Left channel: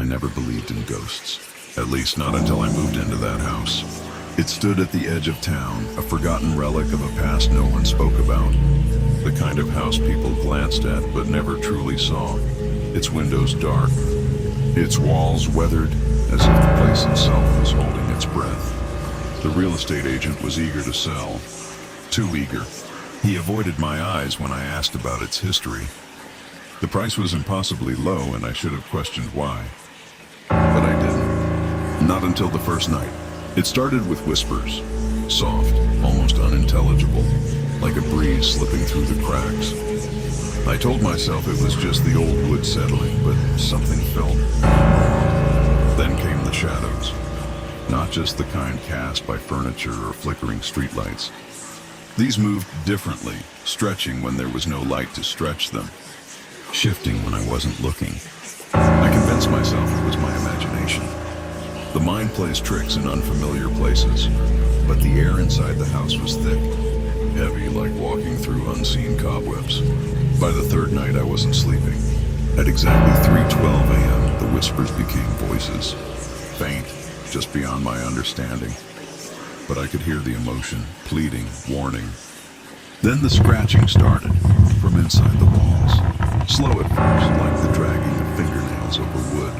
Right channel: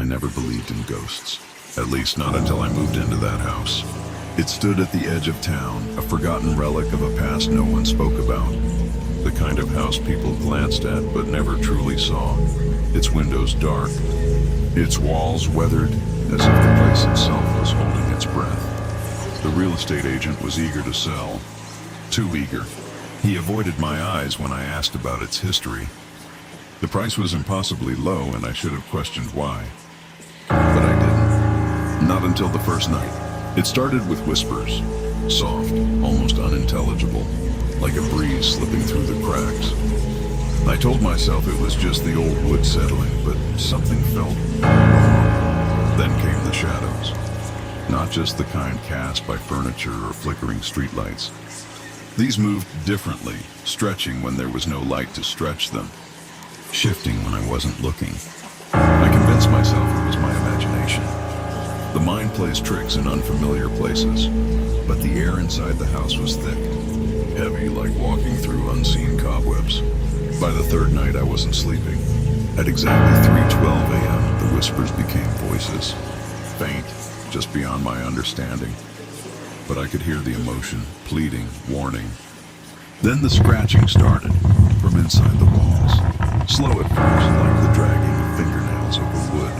I never believed in ghosts, at least not until I moved into that house. It stood at the edge of town, a forgotten relic of a past no one spoke about. The kind of house people glanced at but never truly saw. Its windows dark, its walls weathered, as if the place itself was holding its breath. The real estate agent was eager to sell. Too eager. He avoided my eyes when I asked about its history. The price was impossibly low, and I should have questioned why. But I didn't. Not until the first night. It started with whispers, soft, almost unintelligible, like a breeze slipping through the cracks. I told myself it was just the old wood settling, but something felt wrong. Then came the shadows. Not just the kind cast by furniture or flickering streetlights. These moved differently, stretching when there was no light to stretch them, shifting when I wasn't looking. I convinced myself it was my imagination. The mind plays tricks in unfamiliar places, but the air inside the house was thick, heavy like walking through unseen cobwebs. By the third night, I wasn't sleeping. At exactly 3:12 a.m., the whispers became voices, faint, just beyond my understanding. But I could hear the emotion, pleading, warning. Then the scratching started, from inside the walls. Slow at first, like the dragging of fingernails over wood.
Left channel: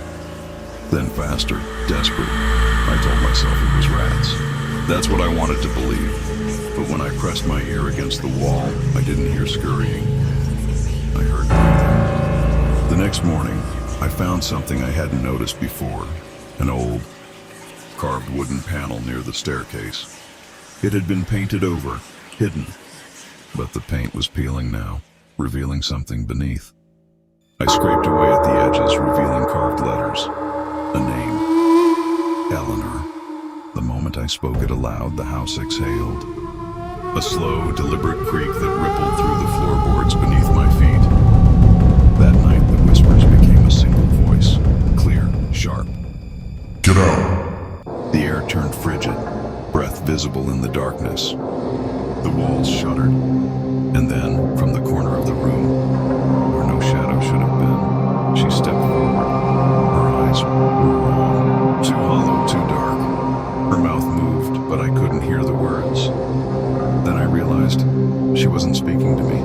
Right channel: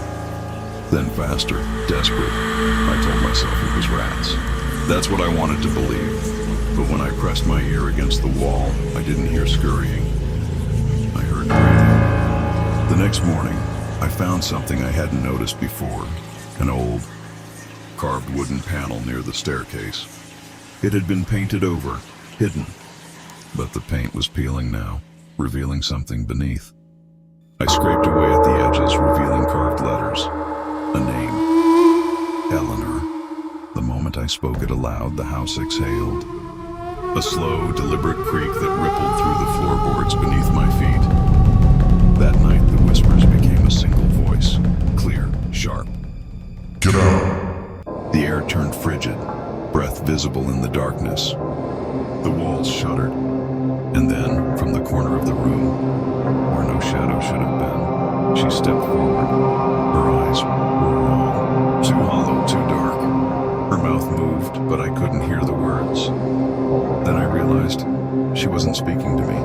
Then faster, desperate. I told myself it was rats. That's what I wanted to believe. But when I pressed my ear against the wall, I didn't hear scurrying. I heard breathing. The next morning, I found something I hadn't noticed before. An old, carved wooden panel near the staircase. It had been painted over, hidden. But the paint was peeling now, revealing something beneath. I scraped away at the edges, revealing carved letters. A name. Eleanor. The moment I spoke it aloud, the house exhaled. A slow, deliberate creak that rippled through the floorboards beneath my feet. That night, the whispers became a single voice, clear, sharp. Get out! The air turned frigid, breath visible in the darkness. The walls shuddered. And then, from the corner of the room, where no shadow should have been, she stepped forward. Her eyes were wrong. Too hollow, too dark. Her mouth moved, but I couldn't hear the words. Then I realized she wasn't speaking to me.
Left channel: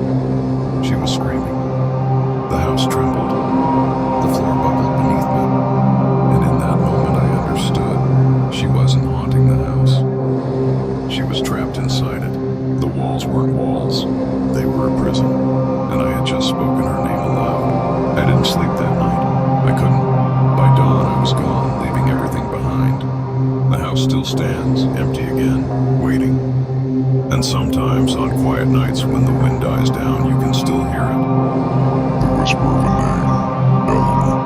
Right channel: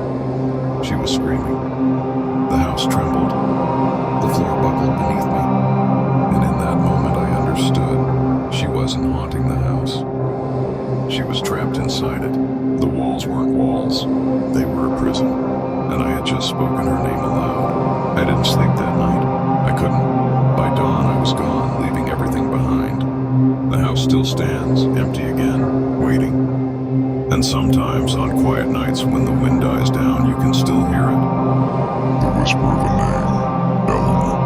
She was screaming. The house trembled. The floor buckled beneath me. And in that moment I understood. She wasn't haunting the house. She was trapped inside it. The walls weren't walls. They were a prison. And I had just spoken her name aloud. I didn't sleep that night. I couldn't. By dawn, I was gone, leaving everything behind. The house still stands, empty again, waiting. And sometimes, on quiet nights when the wind dies down, you can still hear it. The whisper of a name. Eleanor.